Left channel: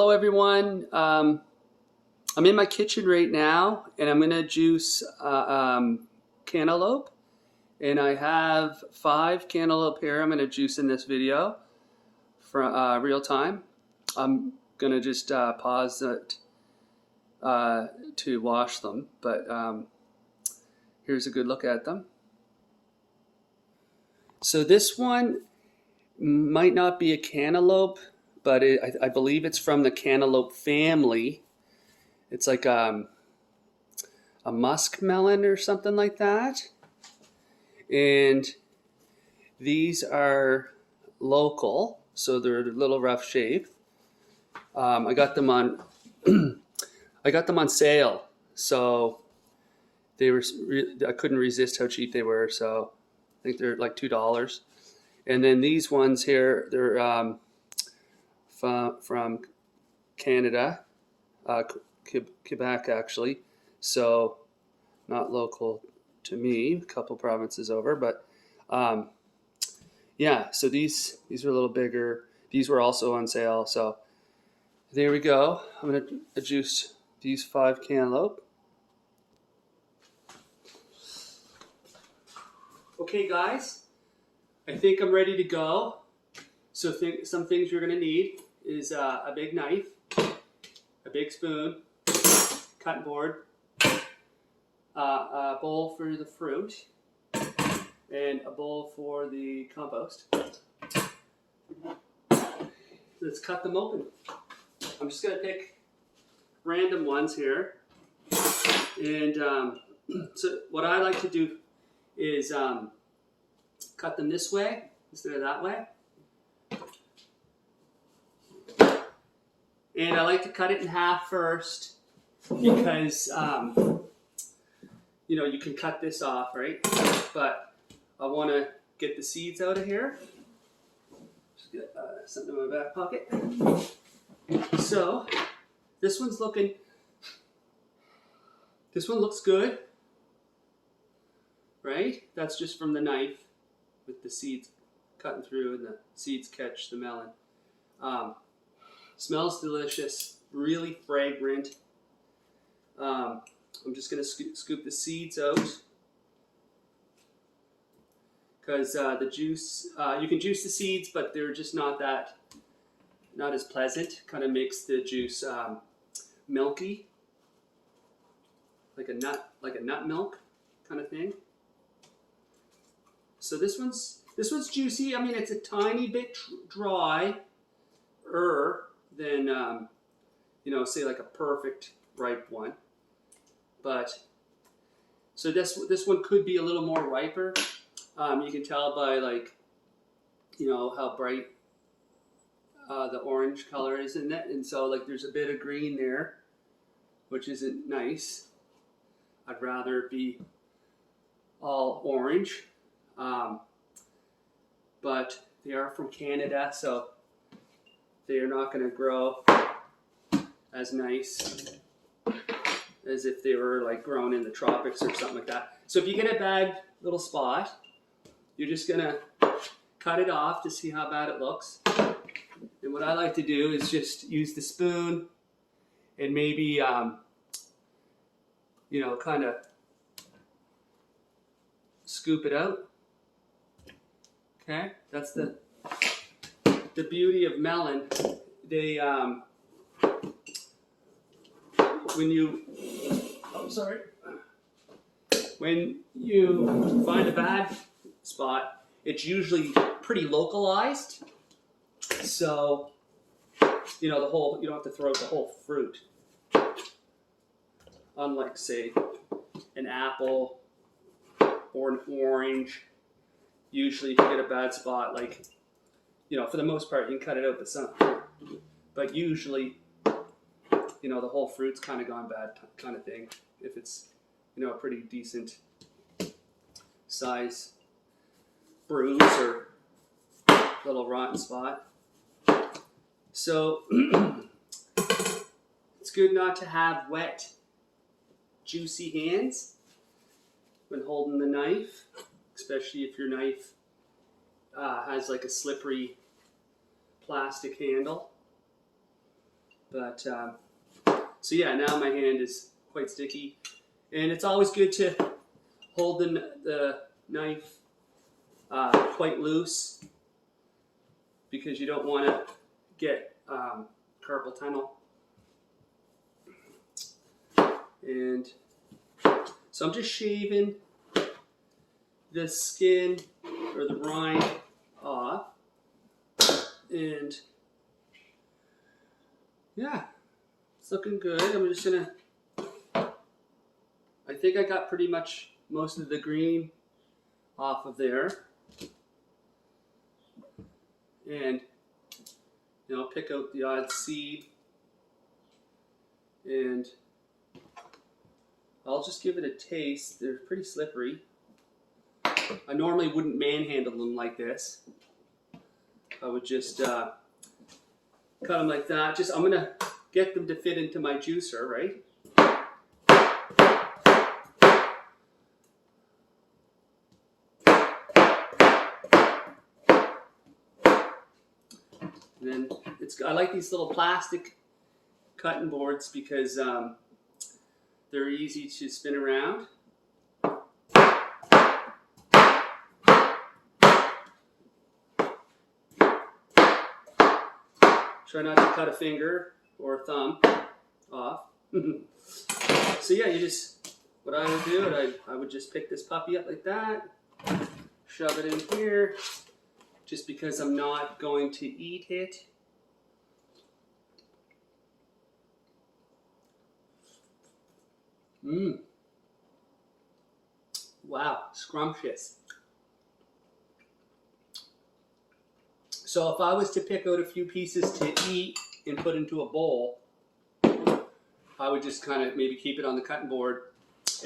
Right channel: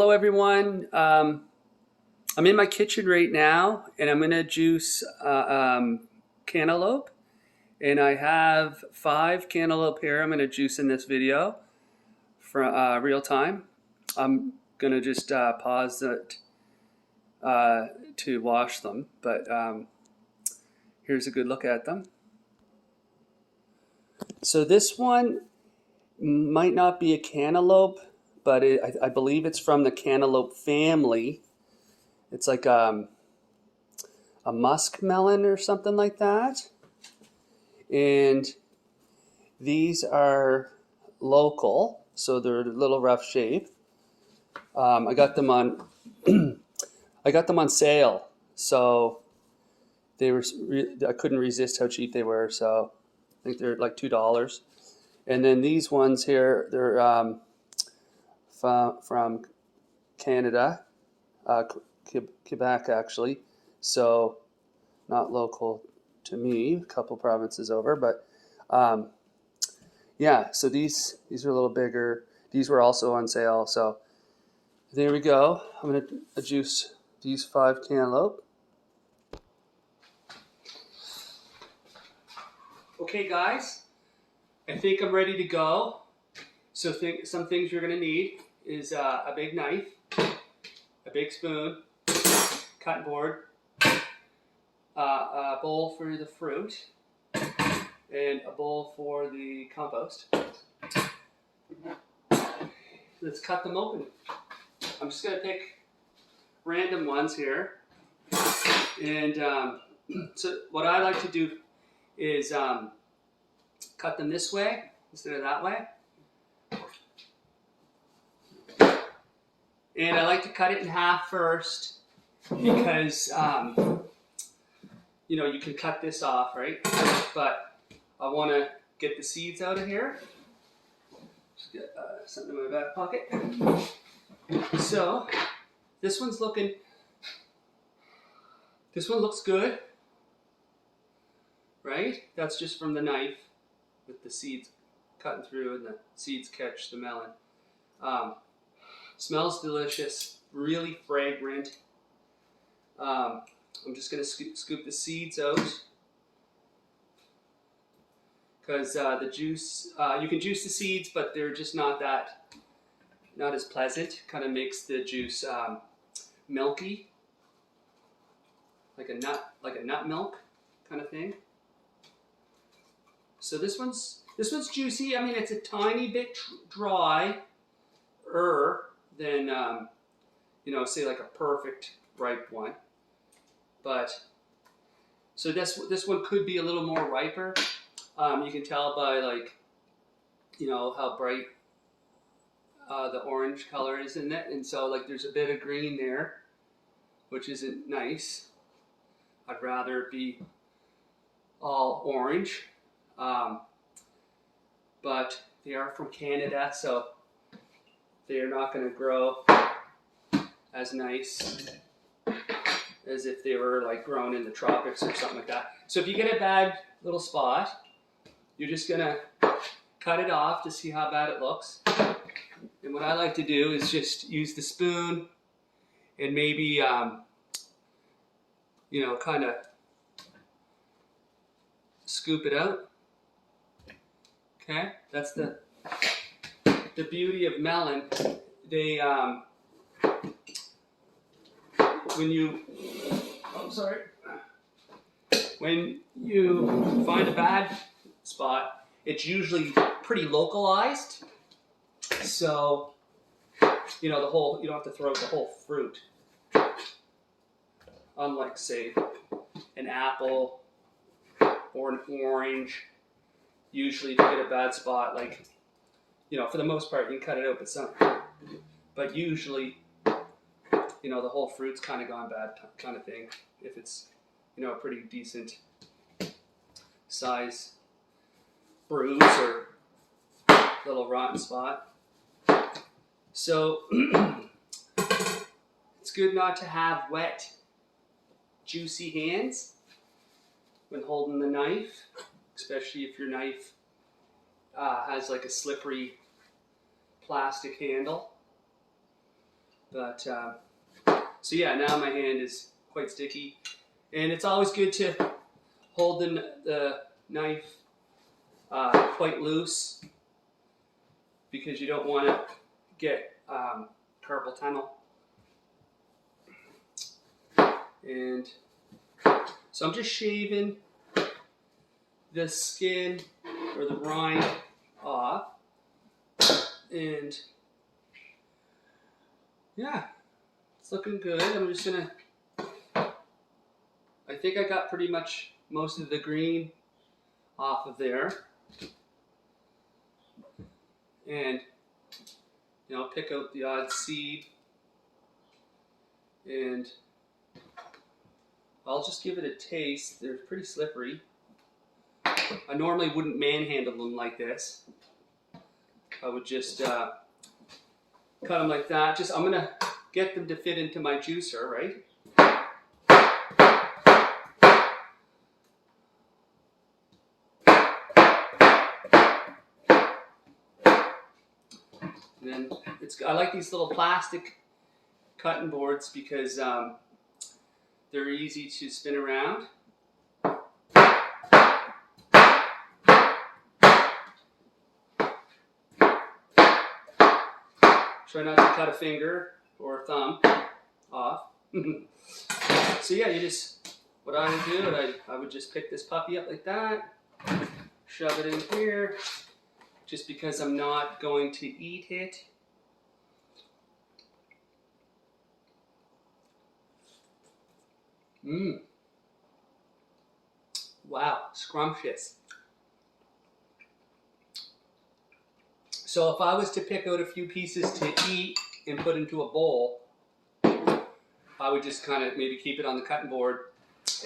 Hello everyone. I'm in my kitchen right now and I'm going to juice cantaloupe, and I have 5 cantaloupe here I'm going to juice in this video for real time. I'm going to just pause it to wash them, but here's a good look at them. So this one might not be a cantaloupe, but I believe it's from the cantaloupe family. It's like a muskmelon or something like that. And these are local, so they're a little rough shape. I got them on I got them on sale, so they were. I couldn't resist how cheap they were. So I think they're like $2. And then these ones here, they're from Canada, Quebec actually, so not local to me, a couple provinces over, but yeah, so these are a little bigger. These were also on sale, so there we go. I'm going to juice these 5 cantaloupe. Okay guys, I think I'm ready to go. So some things you're going to need is a big knife, a big spoon, cutting board, a bowl for the fruit, and a bowl for the compost. Let's cut them open. I'm just going to pick random ones here. And so what I like to do is cut them this way instead of that way. And I like to cut it in half first because, you know, you can cut this off, right? But I want to get the seeds out of here. Just get something in my back pocket. So this one looks good, right? That's just from the knife with the seeds cutting through and the seeds catch the melon. Smells delicious, really fragrant. I'm just going to scoop the seeds out because the juice, you can juice the seeds, but they're just not as pleasant. Kind of makes the juice milky, like a nut milk kind of thing. So this one's juicy. I mean, it's a tiny bit drier than you know, say like a perfect ripe one. But so this one could be a little more riper. You can tell by, like, you know, how bright the orange color is in it, and so like there's a bit of green there, which isn't nice. I'd rather it be all orange. But they are from Canada, so they are not going to grow as nice as if they were like grown in the tropics or something like that. So if you get a bad little spot, you're just going to cut it off to see how bad it looks. And what I like to do is just use the spoon and maybe, you know, kind of scoop it out. Okay, that's the beauty of melon. They when you find a bad spot, it's usually pretty localized. So, you know, you don't have to throw out the whole fruit. Unlike, say, an apple or an orange. Usually if you get a bad spot, like, you know, for the most part you can cut it out, but usually, you know, the whole fruit's kind of gone bad kind of thing, if it's, you know, a pretty decent size bruise or little rotten spot. So it's good not to have wet, juicy hands when holding the knife, especially if your knife has like a slippery plastic handle. But so yeah, now my hand is quite sticky, and it's always good to hold the knife quite loose because you don't want to get carpal tunnel. And so I'm just shaving the skin or the rind off, and yeah, it's looking good. I'm just gonna, I think I got pretty much most of the green off of there, and pick out the odd seed, and I'll just give it a taste. They're pretty slippery. I normally wouldn't manhandle them like this. I would just cut them like that. I'm gonna get them to fit into my juicer, right? And then I like these little plastic cutting boards because they're easy to spin around. Try not to cut a finger or a thumb off. So yeah, what I would do, I would just pick this puppy up like that, shove it in here, just because I'm not going to eat it. Wow, scrumptious. So if I was to pick out a few pieces to eat and put into a bowl, I would just kind of maybe keep it on the cutting board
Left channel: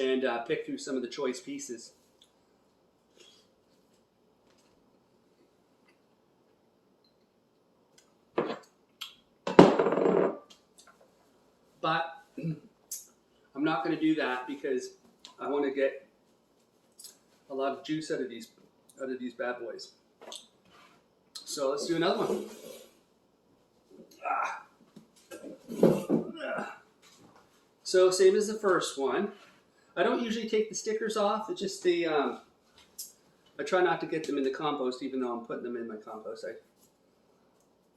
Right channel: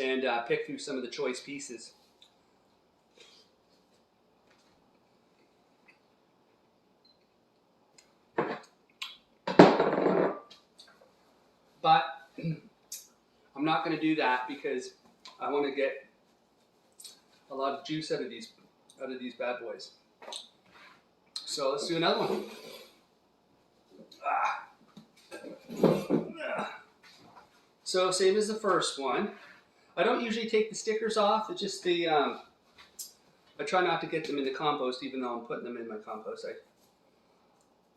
and pick through some of the choice pieces. But I'm not going to do that because I want to get a lot of juice out of these bad boys. So let's do another one. So same as the first one. I don't usually take the stickers off. It's just I try not to get them in the compost, even though I'm putting them in my compost.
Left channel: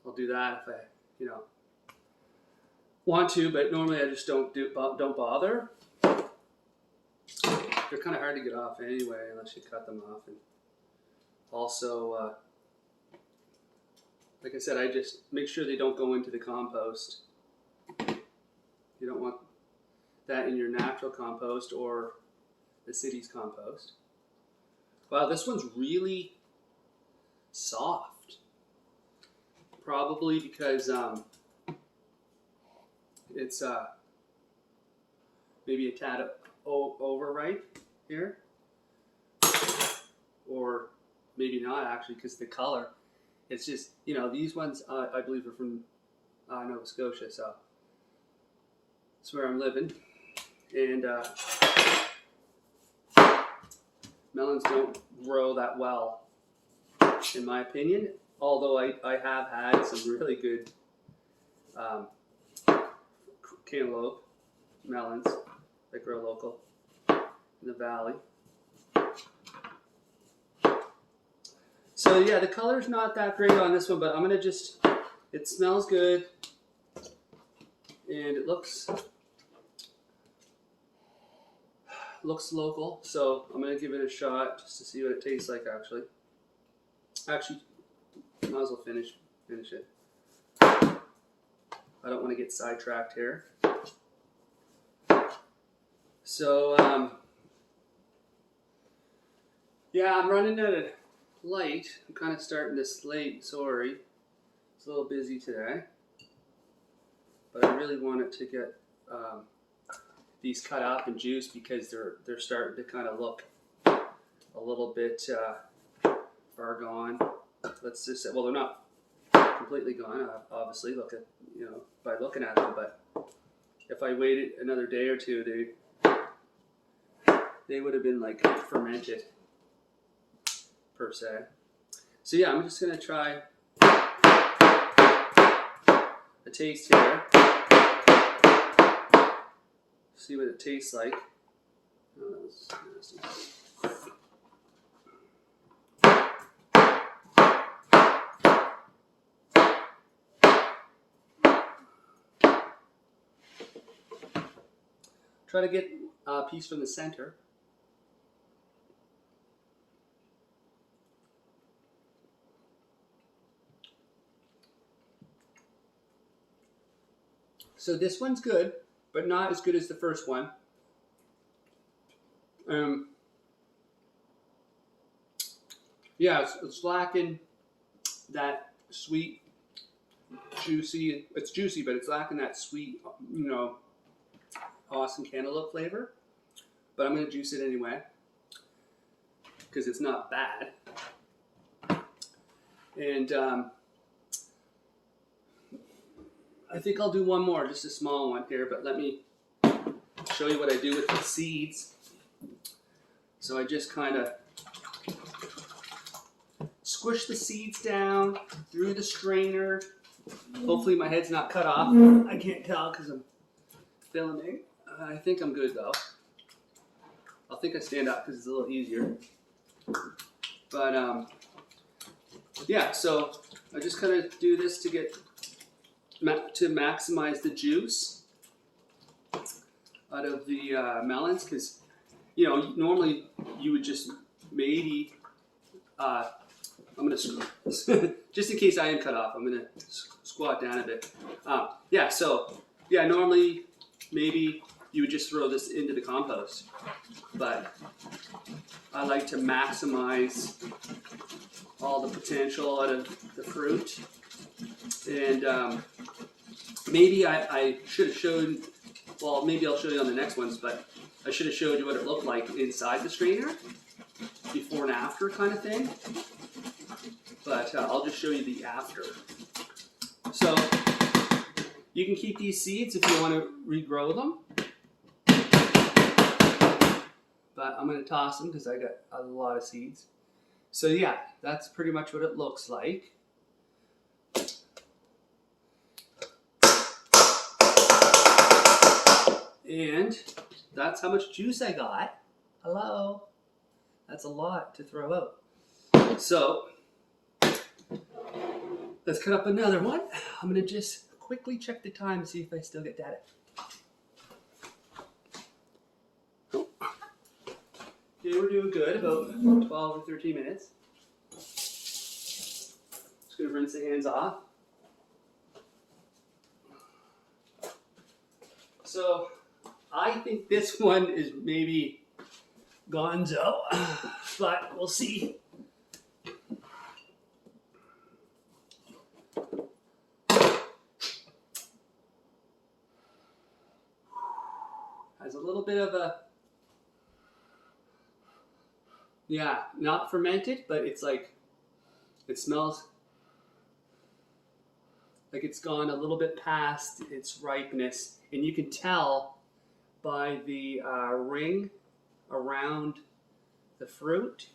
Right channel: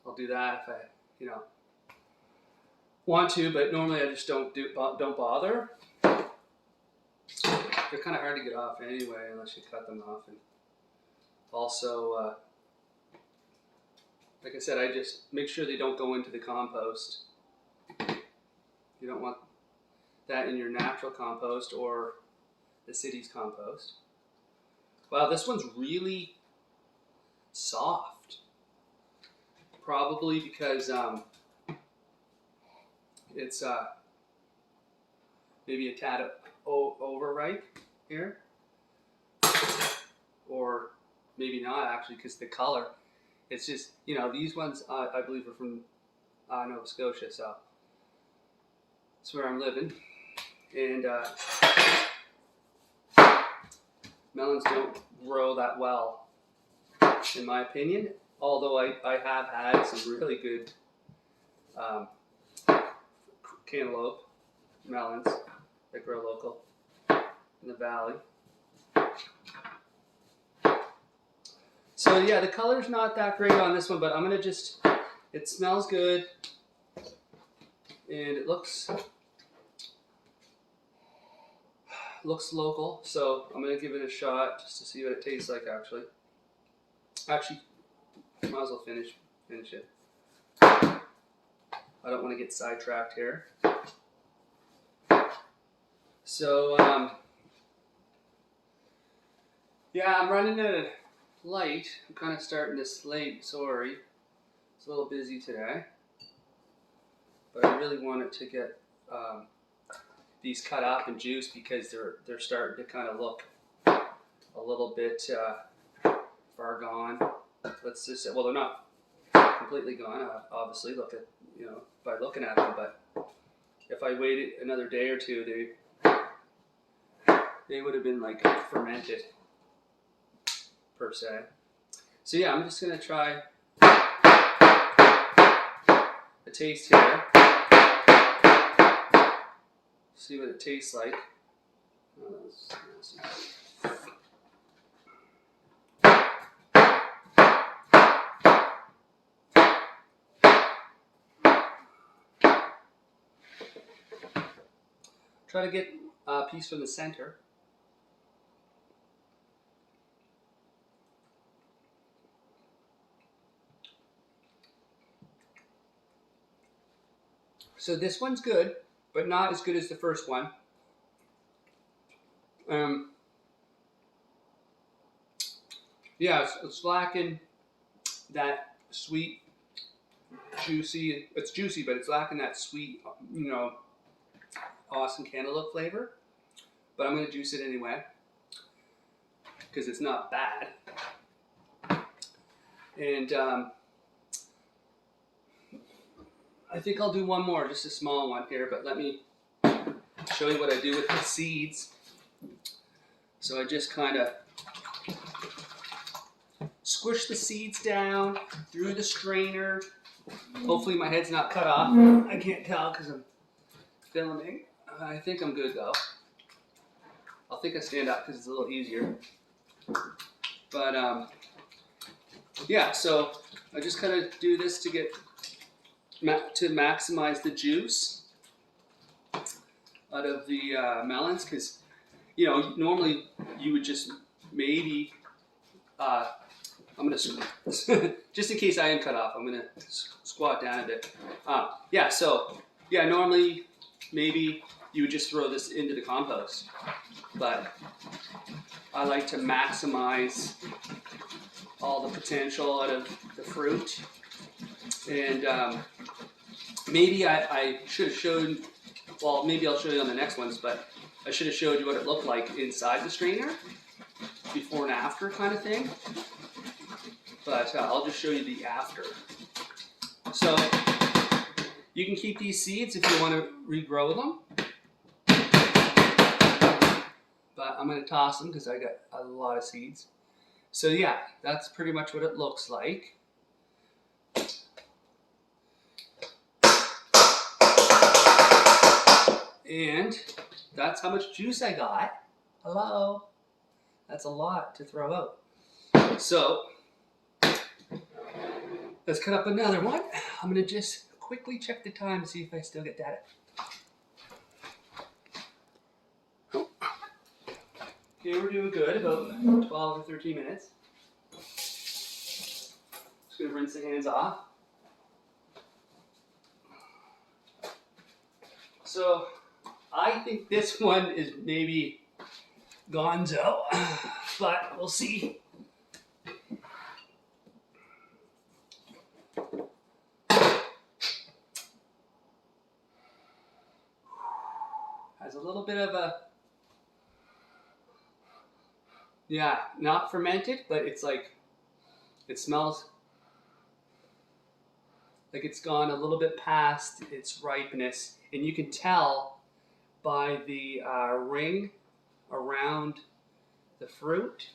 I'll do that if I, want to, but normally I just don't bother. They're kind of hard to get off anyway, unless you cut them off. And also, like I said, I just make sure they don't go into the compost. You don't want that in your natural compost or the city's compost. Wow, this one's really soft. Probably because it's maybe a tad overripe here. Or maybe not actually, because the color. It's just, these ones I believe are from Nova Scotia, so that's where I'm living. And melons don't grow that well, in my opinion, although I have had some really good cantaloupe melons that grow local in the valley. So yeah, the color's not that great on this one, but I'm gonna it smells good, and it looks local, so I'm gonna give it a shot just to see what it tastes like. Actually, might as well finish it. I don't want to get sidetracked here. So yeah, I'm running out of light. I'm kind of starting this late. Sorry, it's a little busy today, but I really wanted to get these cut up and juiced because they're starting to kind of look a little bit far gone. Let's just say, well, they're not completely gone. Obviously, look at by looking at them, but if I waited another day or two, they would have been like fermented per se. So yeah, I'm just gonna try a taste here. See what it tastes like. Try to get a piece from the center. So this one's good, but not as good as the first one. Yeah, it's lacking that sweet, juicy. It's juicy, but it's lacking that sweet, you know, awesome cantaloupe flavor. But I'm gonna juice it anyway because it's not bad. And I think I'll do one more, just a small one here. But let me show you what I do with the seeds. So I just kind of squish the seeds down through the strainer. Hopefully my head's not cut off. I can't tell because I'm filming. I think I'm good though. I'll think I stand up because it's a little easier. But yeah, so I just kind of do this to get to maximize the juice out of the melons, because you know normally you would just maybe I'm gonna just in case I am cut off, I'm gonna squat down a bit. Yeah, so yeah, normally maybe you would just throw this into the compost, but I like to maximize all the potential out of the fruit. And maybe I should have showed, well, maybe I'll show you on the next ones, but I should have showed you what it looked like inside the strainer, before and after kind of thing. But I'll just show you the after. So you can keep these seeds if you want to regrow them. But I'm going to toss them because I got a lot of seeds. So yeah, that's pretty much what it looks like. And that's how much juice I got. Hello. That's a lot to throw out. So let's cut up another one. I'm going to just quickly check the time to see if I still get data. Okay, we're doing good, about 12 or 13 minutes. Just going to rinse the hands off. So I think this one is maybe gonzo, but we'll see. Has a little bit of a, yeah, not fermented, but it's like, it smells like it's gone a little bit past its ripeness, and you can tell by the ring around the fruit.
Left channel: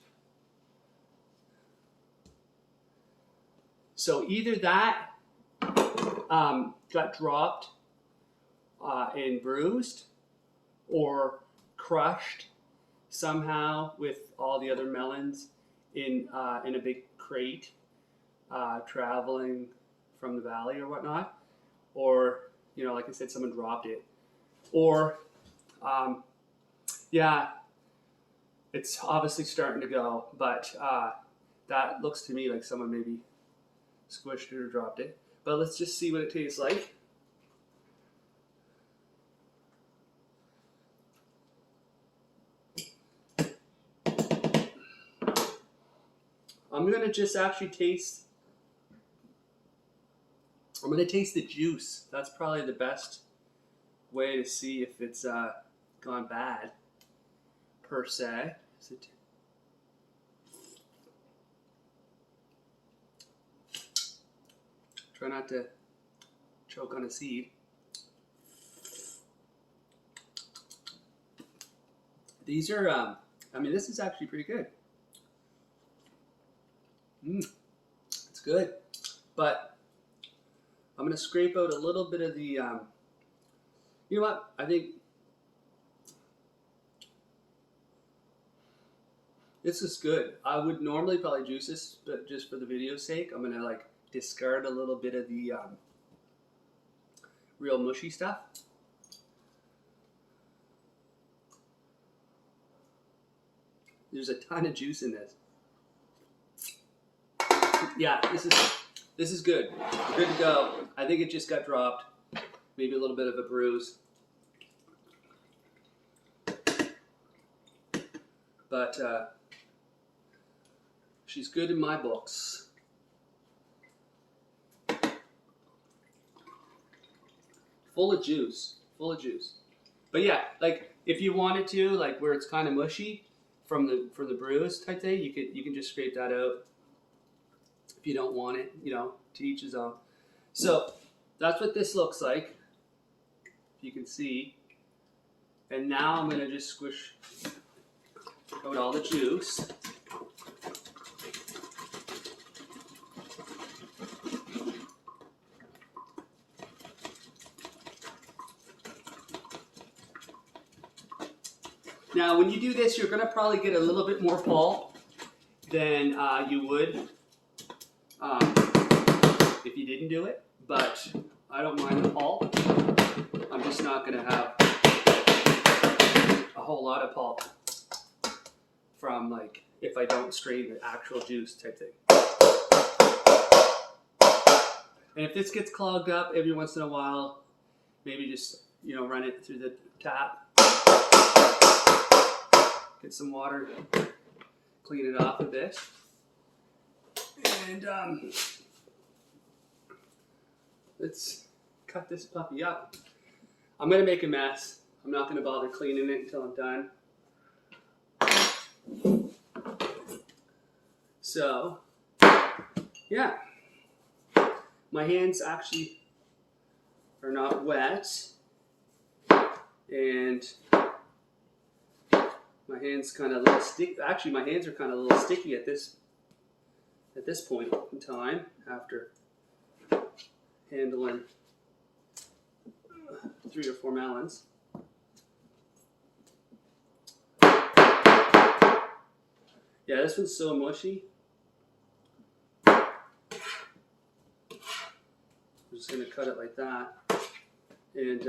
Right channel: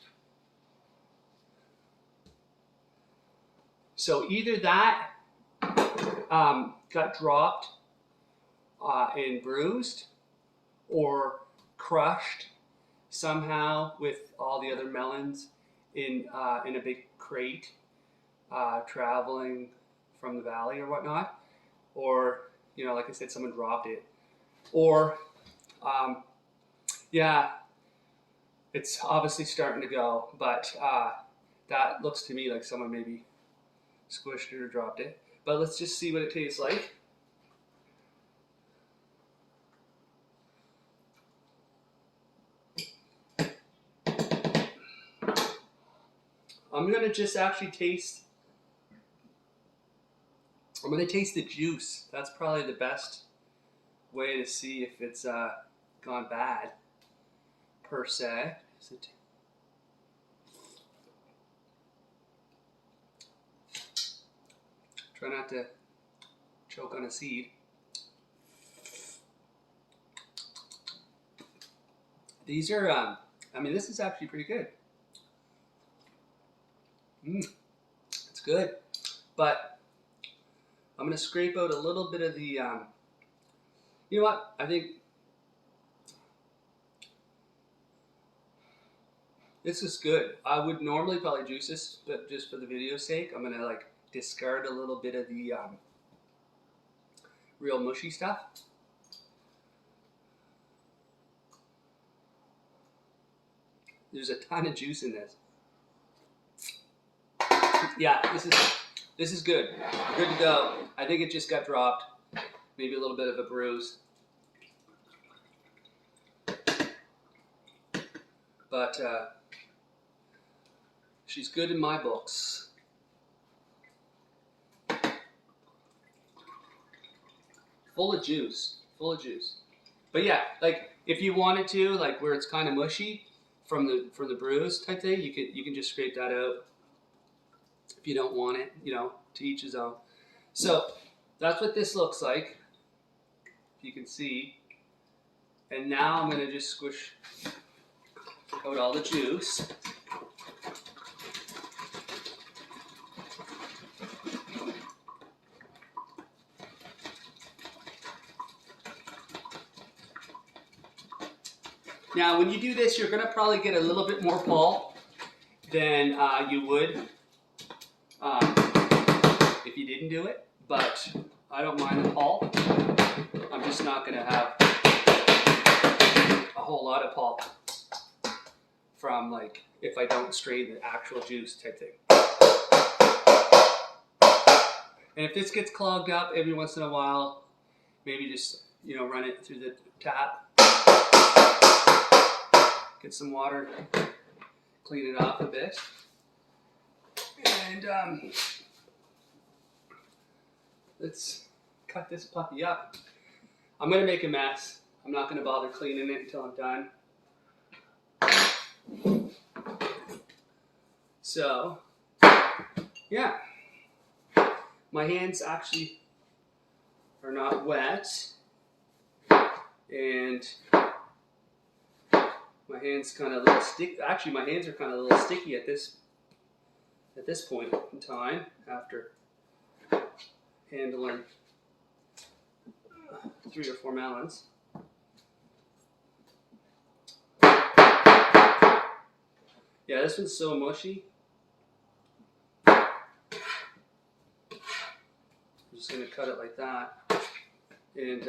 So either that got dropped and bruised, or crushed somehow with all the other melons in a big crate traveling from the valley or whatnot, or you know, like I said, someone dropped it, or yeah, it's obviously starting to go, but that looks to me like someone maybe squished it or dropped it. But let's just see what it tastes like. I'm going to just actually taste, I'm going to taste the juice. That's probably the best way to see if it's gone bad, per se. Try not to choke on a seed. These are, I mean, this is actually pretty good. It's good, but I'm going to scrape out a little bit of the, you know what, I think this is good. I would normally probably juice this, but just for the video's sake, I'm going to like discard a little bit of the real mushy stuff. There's a ton of juice in this. Yeah, this is good. Good to go. I think it just got dropped. Maybe a little bit of a bruise. But she's good in my books. Full of juice. Full of juice. But yeah, like if you wanted to, like where it's kind of mushy from the bruise type thing, you can just scrape that out. If you don't want it, you know, to each his own. So that's what this looks like, if you can see. And now I'm gonna just squish out all the juice. Now when you do this, you're gonna probably get a little bit more pulp than you would if you didn't do it, but I don't mind the pulp. I'm just not going to have a whole lot of pulp from like if I don't strain the actual juice type thing. And if this gets clogged up every once in a while, maybe just, you know, run it through the tap, get some water, clean it off a bit. And let's cut this puppy up. I'm going to make a mess. I'm not going to bother cleaning it until I'm done. So, yeah. My hands actually are not wet. And my hands kind of a little sticky. Actually, my hands are kind of a little sticky at this point in time after handling 3 or 4 melons. Yeah, this one's so mushy. I'm just going to cut it like that. And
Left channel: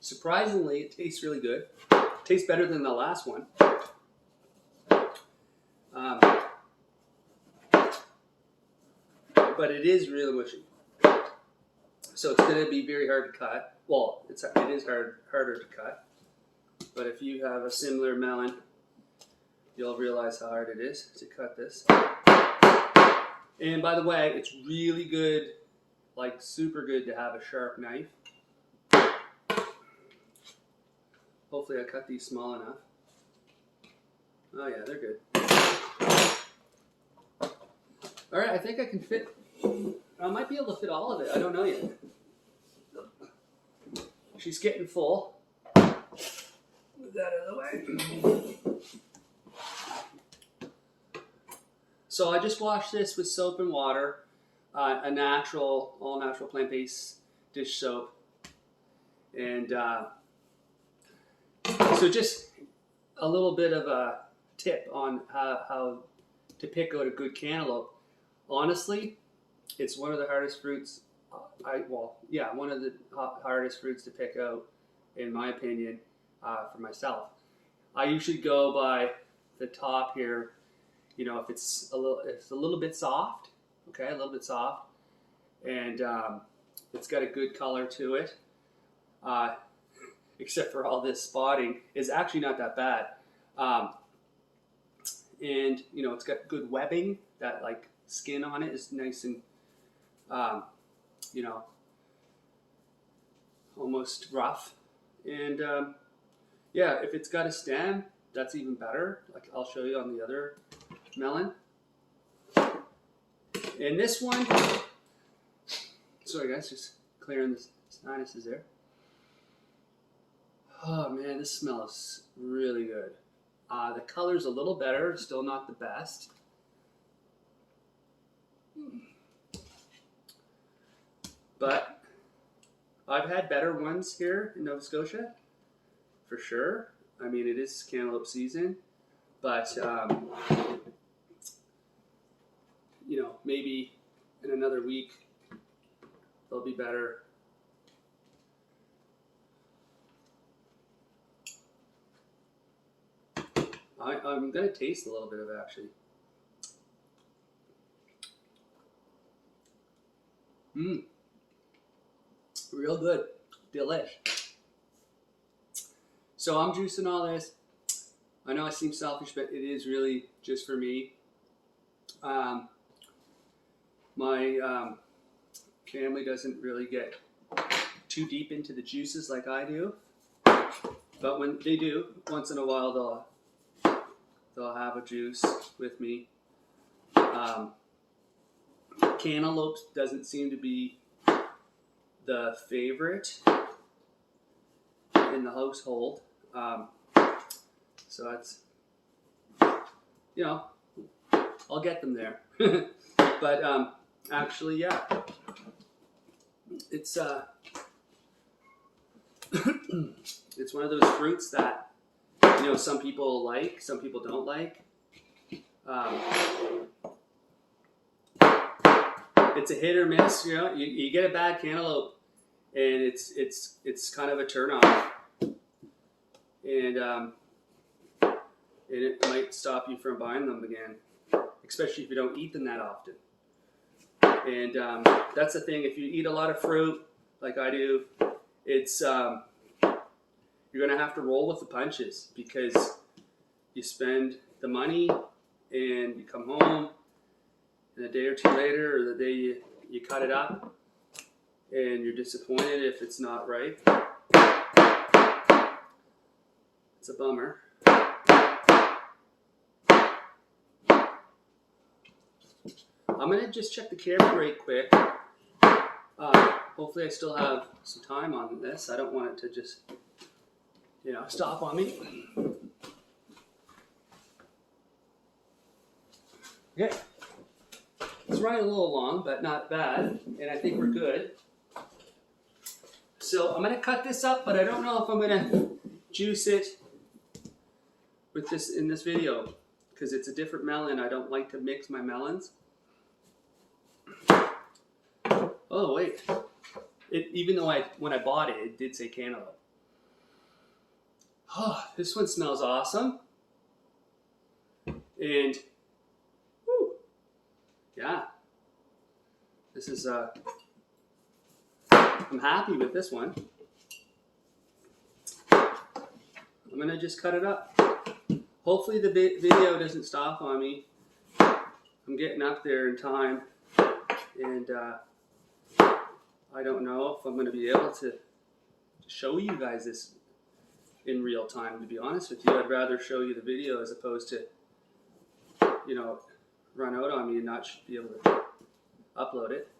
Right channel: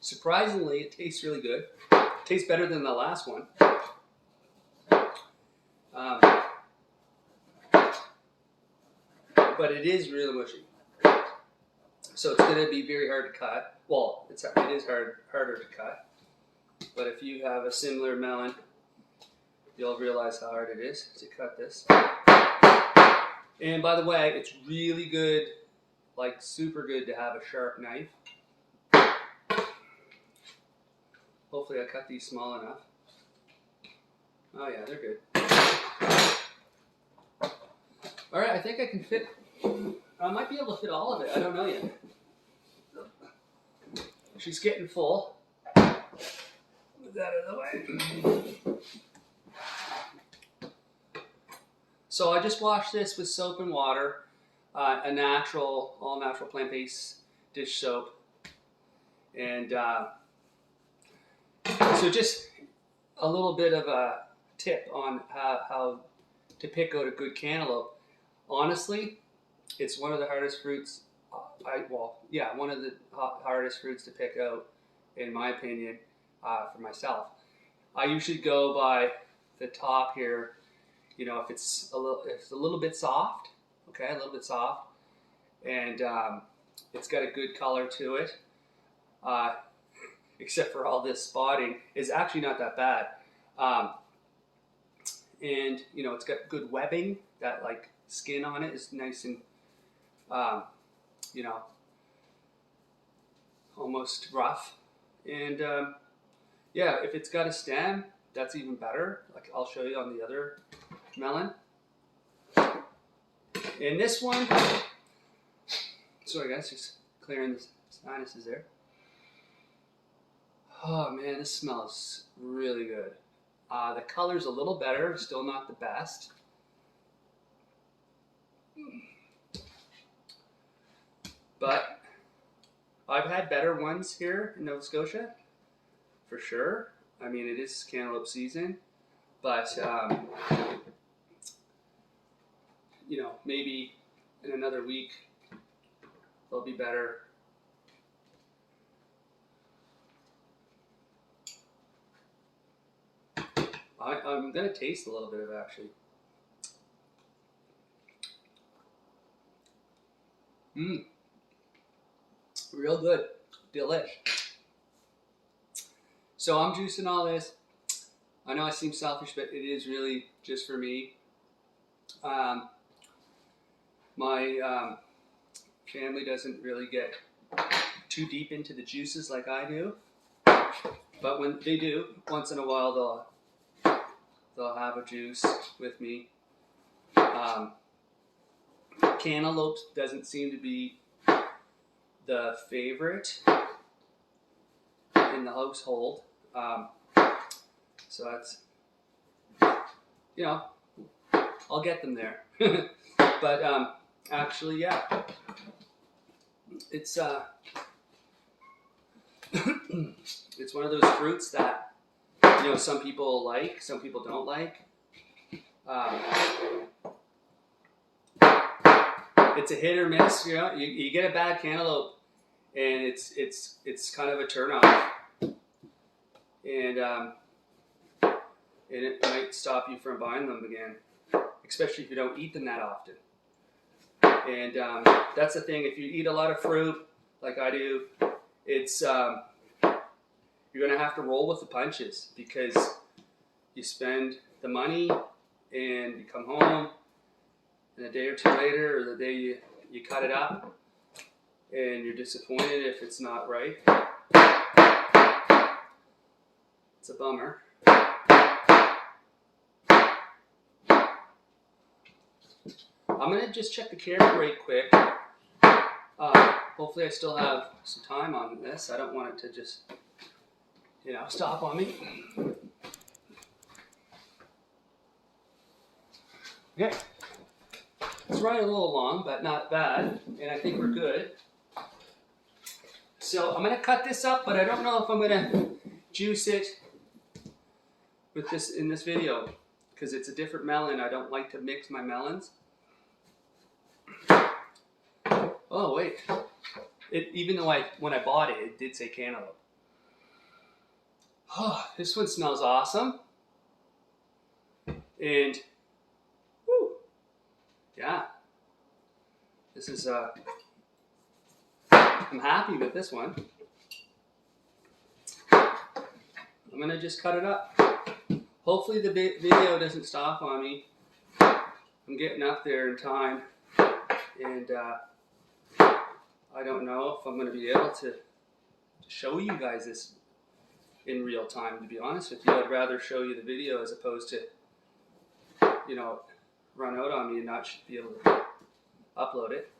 surprisingly, it tastes really good. It tastes better than the last one. But it is really mushy. So it's going to be very hard to cut. Well, it is harder to cut. But if you have a similar melon, you'll realize how hard it is to cut this. And by the way, it's really good, like super good to have a sharp knife. Hopefully I cut these small enough. Oh yeah, they're good. Alright, I think I can fit, I might be able to fit all of it, I don't know yet. She's getting full. Move that out of the way. So I just washed this with soap and water, a natural, all natural plant-based dish soap. And so just a little bit of a tip on how to pick out a good cantaloupe. Honestly, it's one of the hardest fruits, one of the hardest fruits to pick out, in my opinion, for myself. I usually go by the top here, you know, if it's a little bit soft, okay, a little bit soft, and it's got a good color to it, except for all this spotting, is actually not that bad. And, you know, it's got good webbing, that like skin on it is nice and, you know, almost rough. And yeah, if it's got a stem, that's even better. Like I'll show you on the other melon. And this one, sorry guys, just clearing the sinuses there. Oh man, this smells really good. The color's a little better, still not the best. But I've had better ones here in Nova Scotia, for sure. I mean, it is cantaloupe season, but you know, maybe in another week they'll be better. I'm gonna taste a little bit of it, actually. Real good, delish. So I'm juicing all this. I know I seem selfish, but it is really just for me. My family doesn't really get too deep into the juices like I do, but when they do, once in a while they'll have a juice with me. Cantaloupe doesn't seem to be the favorite in the household, so that's, you know, I'll get them there. But actually, yeah, it's it's one of those fruits that, you know, some people like, some people don't like. It's a hit or miss, you know. You get a bad cantaloupe, and it's kind of a turnoff, and it might stop you from buying them again, especially if you don't eat them that often. And that's the thing. If you eat a lot of fruit, like I do, it's you're gonna have to roll with the punches, because you spend the money and you come home, and a day or two later, or the day you cut it up, and you're disappointed if it's not right. It's a bummer. I'm gonna just check the camera right quick. Hopefully I still have some time on this. I don't want it to just, you know, stop on me. Yeah. It's running a little long, but not bad, and I think we're good. So I'm gonna cut this up, but I don't know if I'm gonna juice it with this in this video, because it's a different melon. I don't like to mix my melons. Oh wait, even though when I bought it, it did say Cantaloupe. Oh, this one smells awesome, and whew, yeah, this is I'm happy with this one. I'm gonna just cut it up. Hopefully the video doesn't stop on me. I'm getting up there in time, and I don't know if I'm going to be able to show you guys this in real time, to be honest with you. I'd rather show you the video as opposed to, you know, run out on me and not be able to upload it.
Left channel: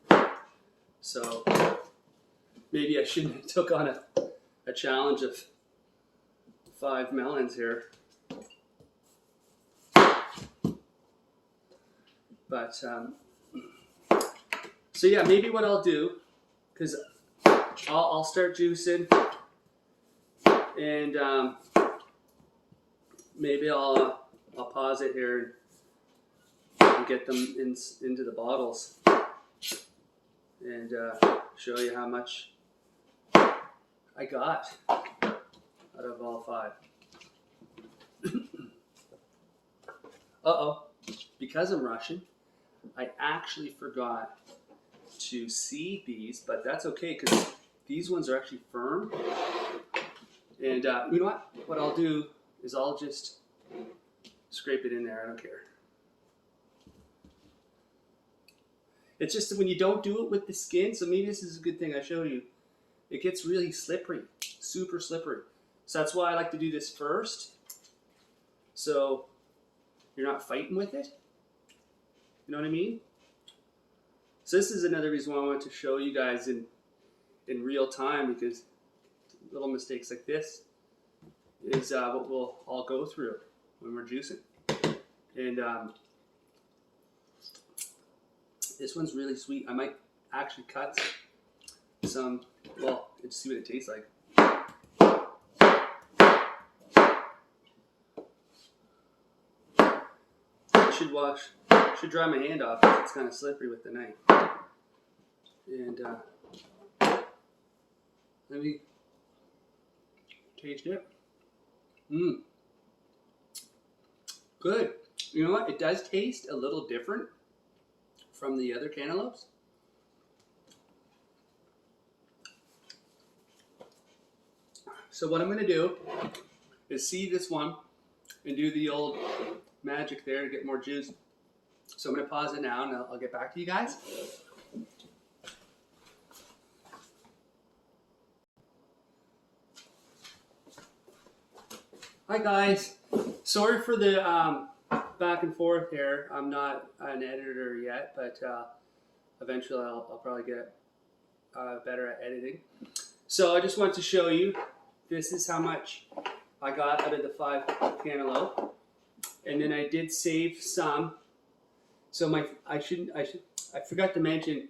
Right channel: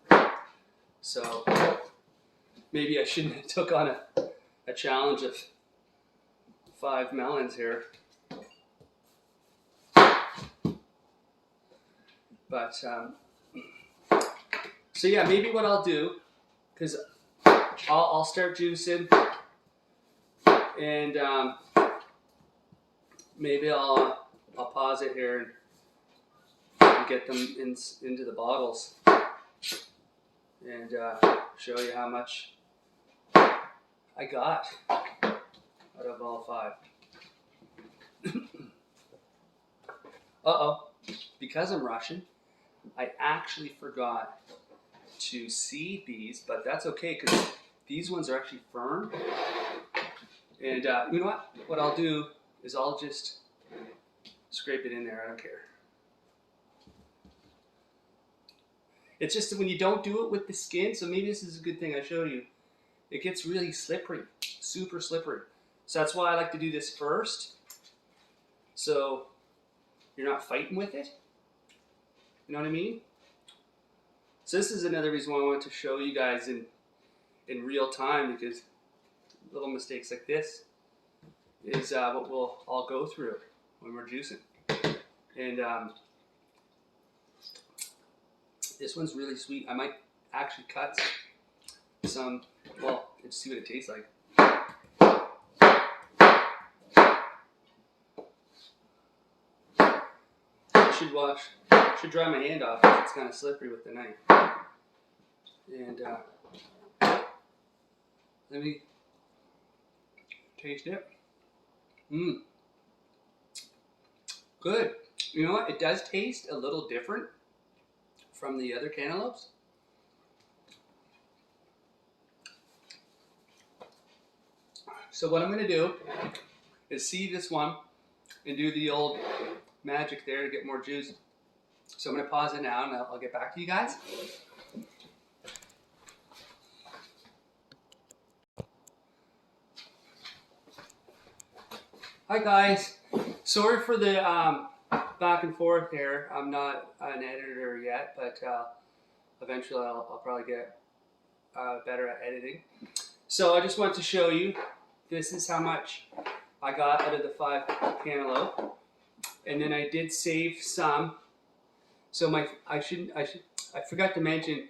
So maybe I shouldn't have took on a challenge of 5 melons here. But so yeah, maybe what I'll do, because I'll start juicing, and maybe I'll pause it here and get them into the bottles, and show you how much I got out of all 5. Uh-oh, because I'm rushing, I actually forgot to seed these, but that's okay, because these ones are actually firm. And you know what? What I'll do is I'll just scrape it in there. I don't care. It's just that when you don't do it with the skin, so maybe this is a good thing I show you, it gets really slippery, super slippery. So that's why I like to do this first, so you're not fighting with it. You know what I mean? So this is another reason why I wanted to show you guys in real time, because little mistakes like this is what we'll all go through when we're juicing. And This one's really sweet. I might actually cut some, well, let's see what it tastes like. Should dry my hand off because it's kind of slippery with the knife. And let me taste it. Good. You know what? It does taste a little different from the other cantaloupes. So what I'm going to do is see this one and do the old magic there to get more juice. So I'm going to pause it now and I'll get back to you guys. Hi guys. Sorry for the back and forth here. I'm not an editor yet, but eventually I'll probably get better at editing. So I just wanted to show you, this is how much I got out of the 5 cantaloupe. And then I did save some. So I forgot to mention,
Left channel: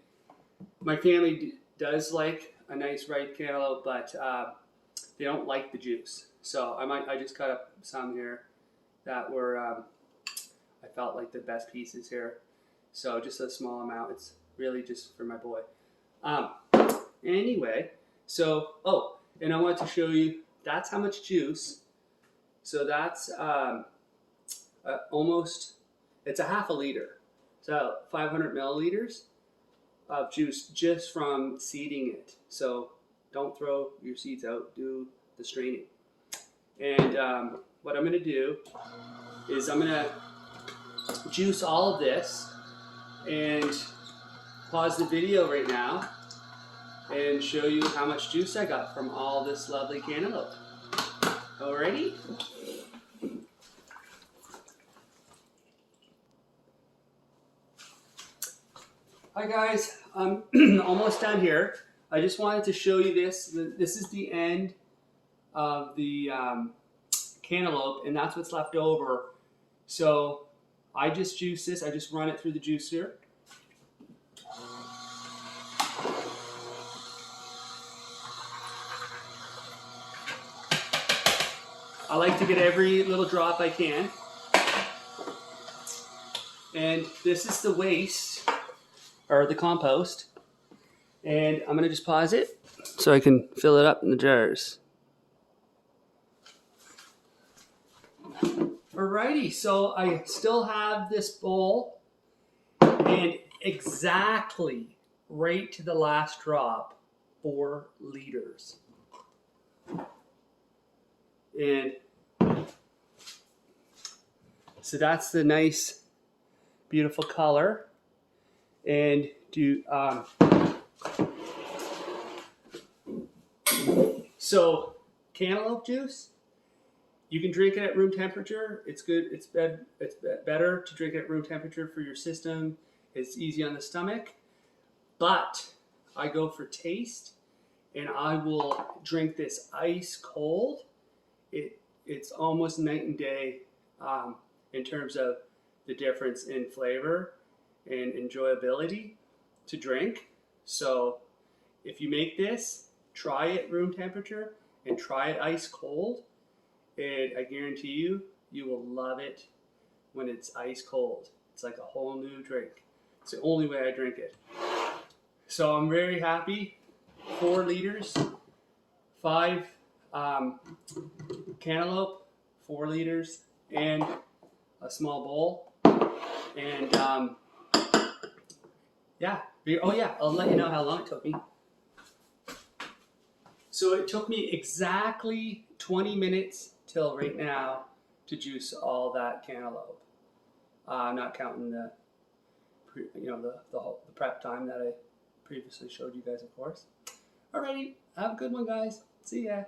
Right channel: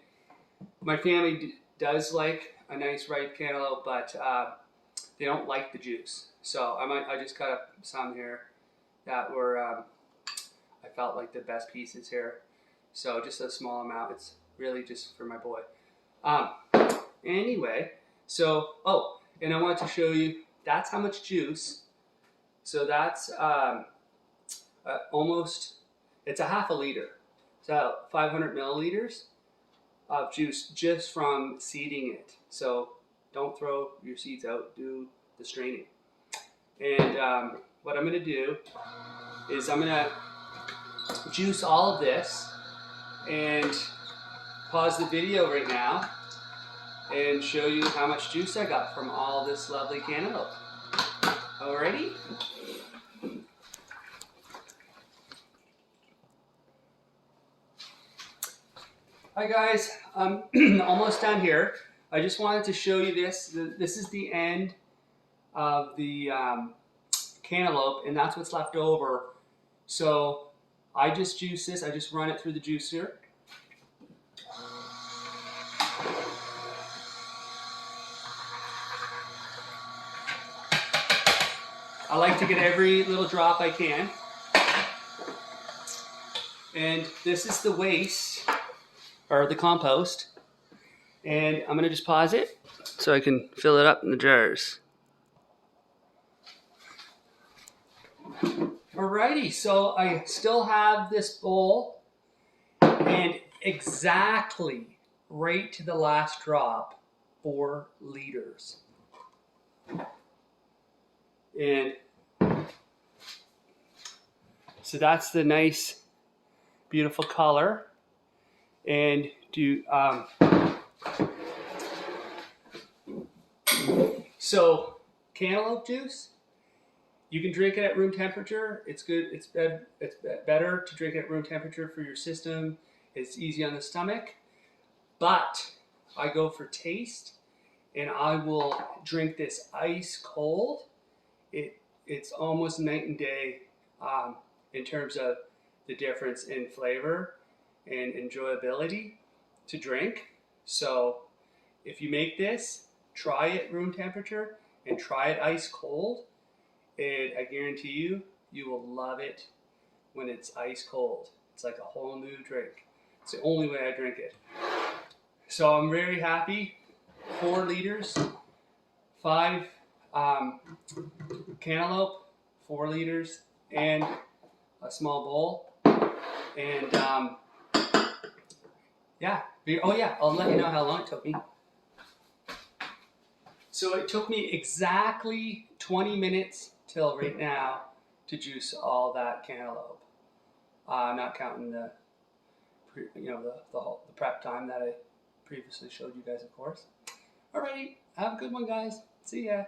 my family does like a nice ripe cantaloupe, but they don't like the juice. So I just cut up some here that were I felt like the best pieces here. So just a small amount. It's really just for my boy. Anyway, so and I want to show you, that's how much juice. So that's almost, it's a half a liter. So 500 milliliters of juice just from seeding it. So don't throw your seeds out, do the straining. And what I'm going to do is I'm going to juice all of this and pause the video right now and show you how much juice I got from all this lovely cantaloupe. Alrighty? Hi guys, I'm almost done here. I just wanted to show you this. This is the end of the cantaloupe, and that's what's left over. So I just juice this. I just run it through the juicer. I like to get every little drop I can. And this is the waste, or the compost. And I'm going to just pause it so I can fill it up in the jars. Alrighty, so I still have this bowl, and exactly right to the last drop, 4 liters. And so that's the nice, beautiful color. And so cantaloupe juice, you can drink it at room temperature. It's good. It's better to drink it at room temperature for your system. It's easy on the stomach. But I go for taste, and I will drink this ice cold. It's almost night and day in terms of the difference in flavor and enjoyability to drink. So if you make this, try it room temperature and try it ice cold, and I guarantee you, you will love it when it's ice cold. It's like a whole new drink. It's the only way I drink it. So I'm very happy. 4 liters, 5 cantaloupe, 4 liters, and a small bowl. And yeah. Oh yeah, I'll let you know how long it took me. So it took me exactly 20 minutes till right now to juice all that cantaloupe. I'm not counting the prep time that I previously showed you guys, of course. Alrighty, have a good one, guys. See ya.